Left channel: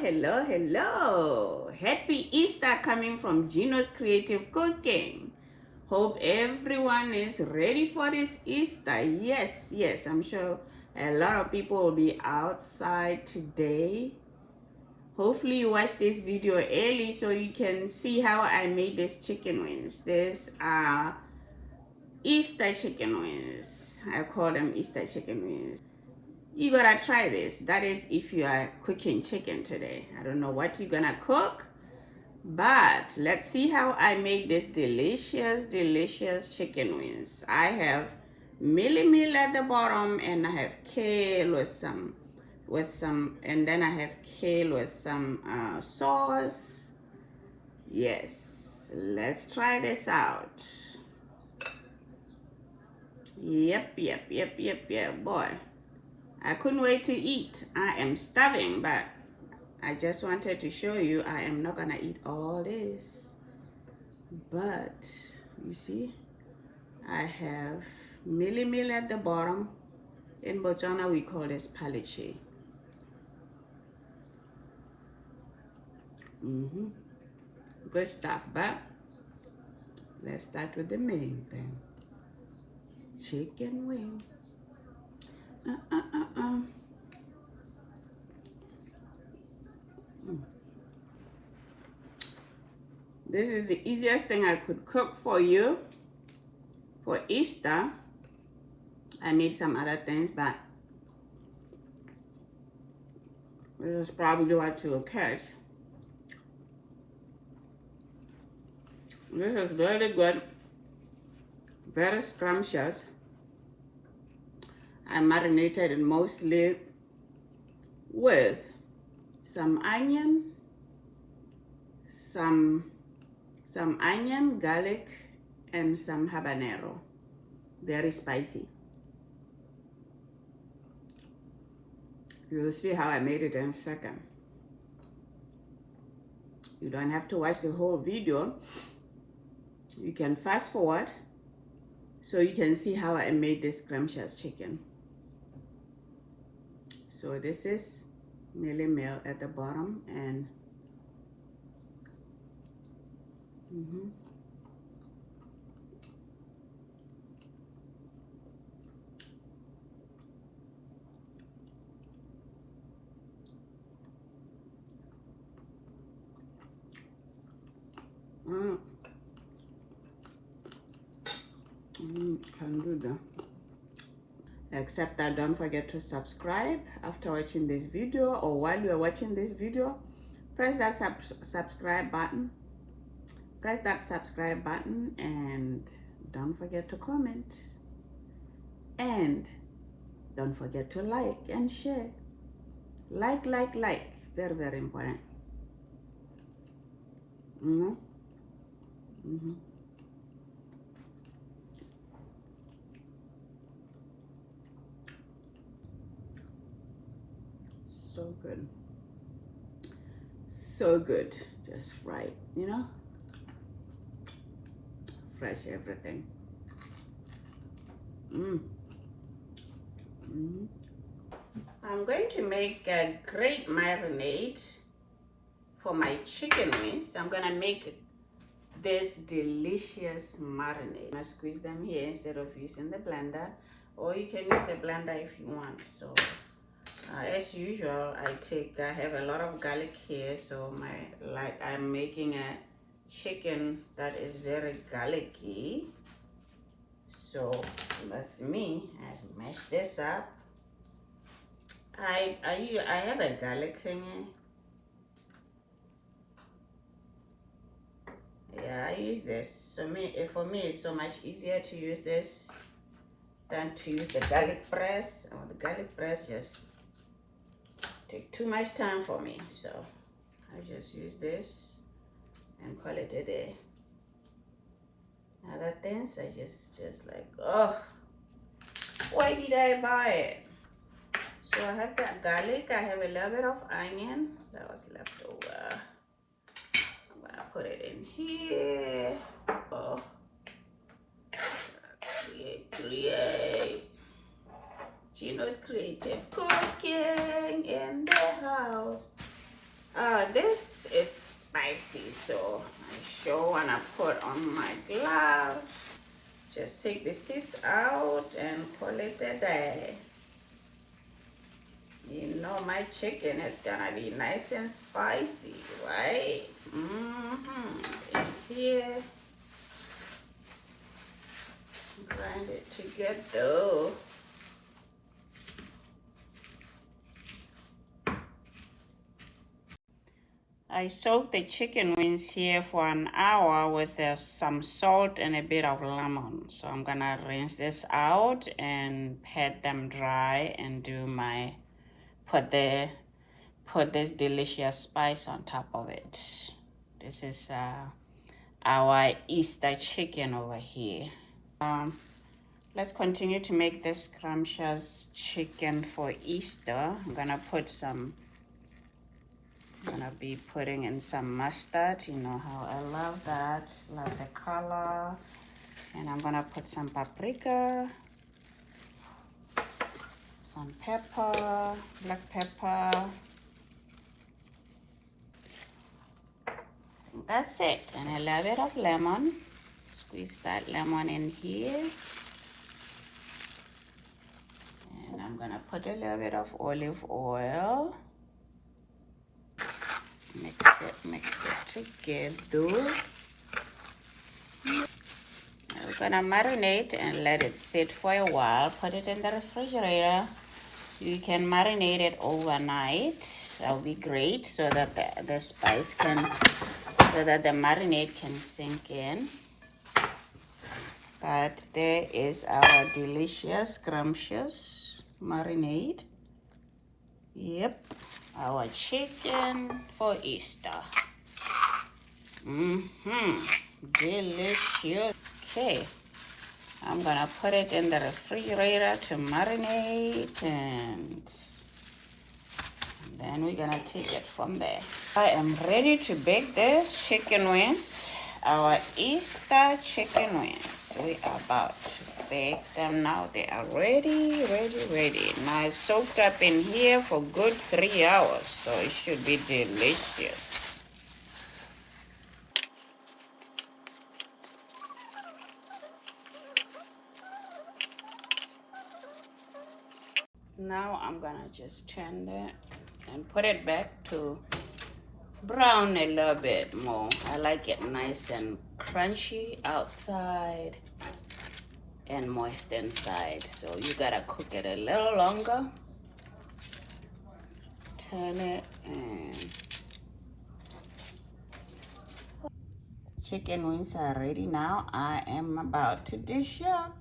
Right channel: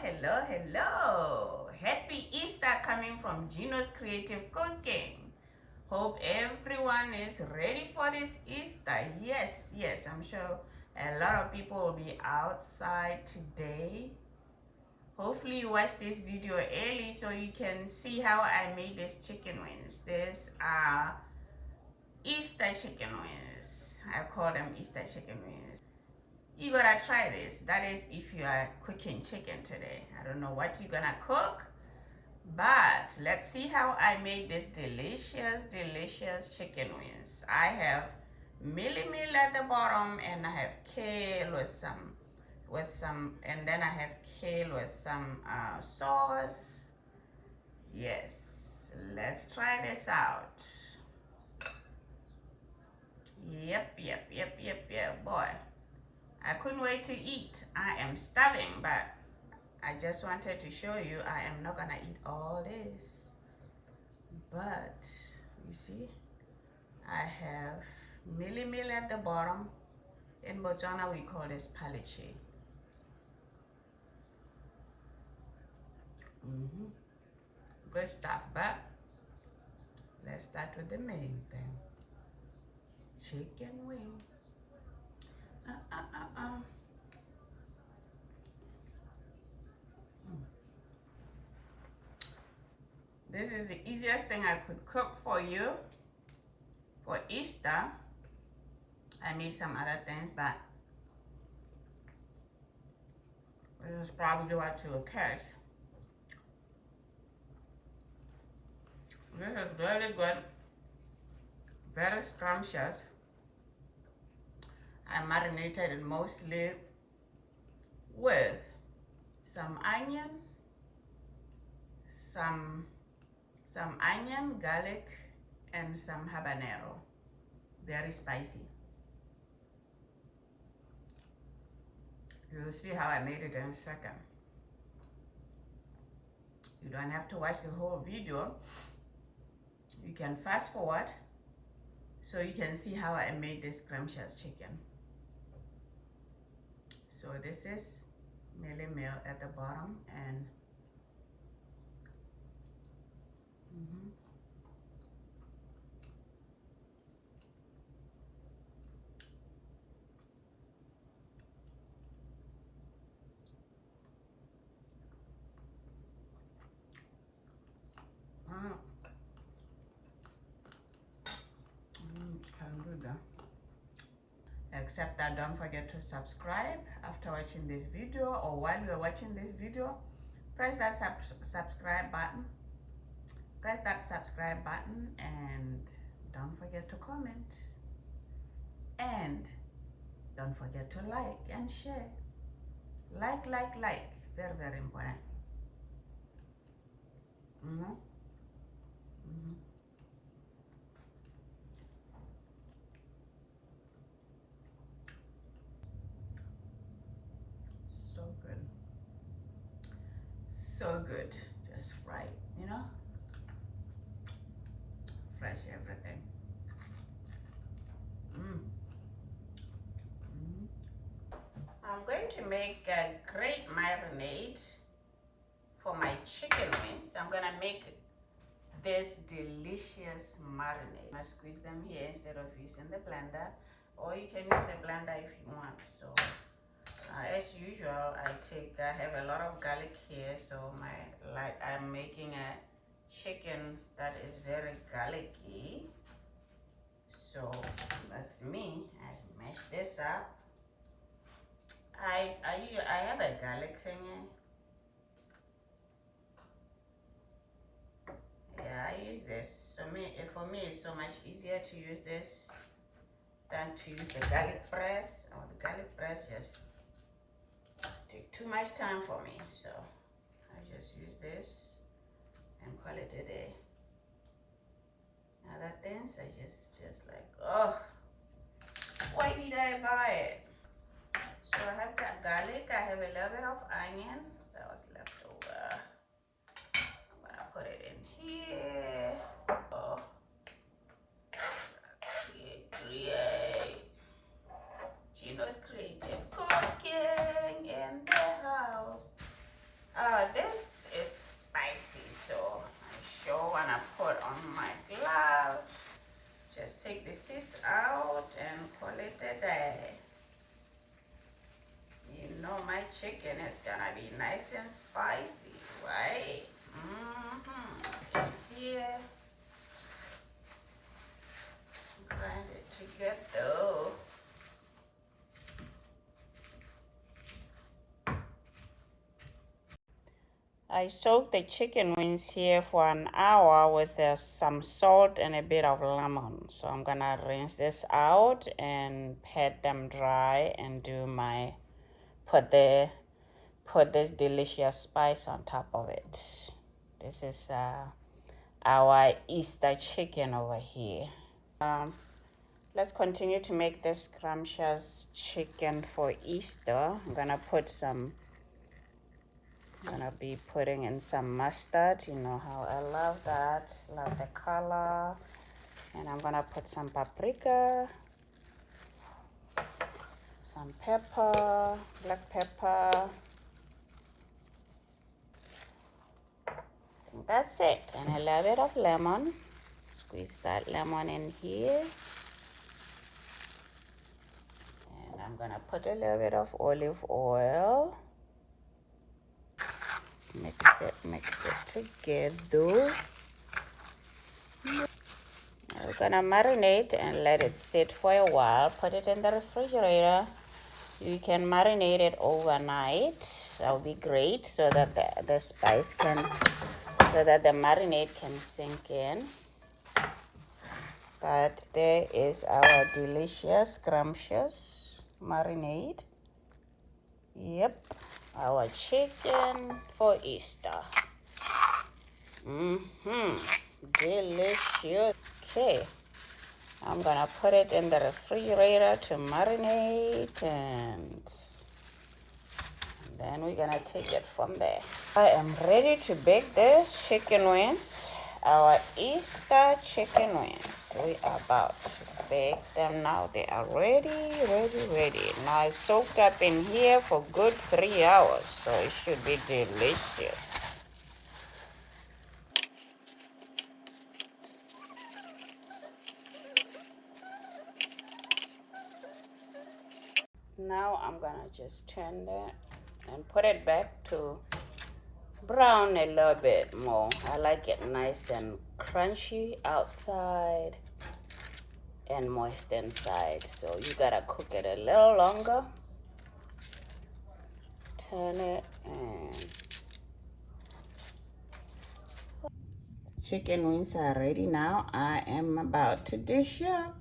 hello. Happy Easter coming from Gino's Creative Cooking. Hope everyone is ready for this Easter. Yes, I'm sure a lot of people will be outside today. Hopefully you watch this video early so you can see how I made these chicken wings. These are Easter chicken wings. I call them Easter chicken wings. You gotta try this. That is if you are cooking chicken today. I don't know what you're gonna cook, but let's see how I made this delicious chicken wings. I have meal at the bottom, and I have kale with some and then I have kale with some sauce. Yes, let's try this out. Yep, boy. I couldn't wait to eat. I am starving, but I just wanted to show you I am not gonna eat all this. But you see, I have meal at the bottom. In Botswana, we call this palichi. Good stuff, but let's start with the main thing. Chicken wing. This is the easiest thing I could cook for you for Easter. I made some other things, but this is probably what you will catch. This is really good, very scrumptious. I marinated it mostly with some onion, some onion, garlic, and some habanero. Very spicy. You'll see how I made it in a second. You don't have to watch the whole video. You can fast forward so you can see how I made this scrumptious chicken. So this is meal at the bottom, and can do that. Except that don't forget to subscribe after watching this video, or while you are watching this video. Press that subscribe button. Press that subscribe button, and don't forget to comment. And don't forget to like and share. Like. Very important. So good, just right, you know, fresh everything. I'm going to make a great marinade for my chicken wings. I'm gonna make this delicious marinade. I squeeze them here instead of using the blender, or you can use the blender if you want. So as usual, I have a lot of garlic here, so I'm making a chicken that is very garlicky. So that's me. I mash this up. I have a garlic thingy. Yeah, I use this. For me, it's so much easier to use this than to use the garlic press. The garlic press just take too much time for me, so I just use this and call it a day. Other things I just like, oh, why did I buy it? So I have that garlic, I have a little bit of onion that was left over. I'm gonna put it in here. Oh, create. Gino's Creative Cooking in the house. This is spicy, so I sure wanna put on my glove. Just take the seeds out and call it a day. You know my chicken is gonna be nice and spicy, right? And here, grind it together. I soaked the chicken wings here for an hour with some salt and a bit of lemon. So I'm gonna rinse this out and pat them dry and do my put this delicious spice on top of it. This is our Easter chicken over here. Let's continue to make this scrumptious chicken for Easter. I'm gonna be putting in some mustard. You know how I love that. Love the color. And I'm gonna put some paprika, some pepper, black pepper. I think that's it. And a little bit of lemon. Squeeze that lemon in here. And I'm gonna put a little bit of olive oil. Mix it together. We're gonna marinate and let it sit for a while. Put it in the refrigerator. You can marinate it overnight. That'll be great, so that the spice can, so that the marinade can sink in. But there is our delicious, scrumptious marinade. Yep, our chicken for Easter. Delicious. Okay, I'm gonna put it in the refrigerator to marinate, and then we're gonna take it from there. I am ready to bake this chicken wings, our Easter chicken wings. We are about to bake them now. They are ready. Now it's soaked up in here for good 3 hours, so it should be delicious. Now I'm gonna just turn that and put it back to brown a little bit more. I like it nice and crunchy outside and moist inside, so you gotta cook it a little longer. Turn it, and chicken wings are ready now. I am about to dish up.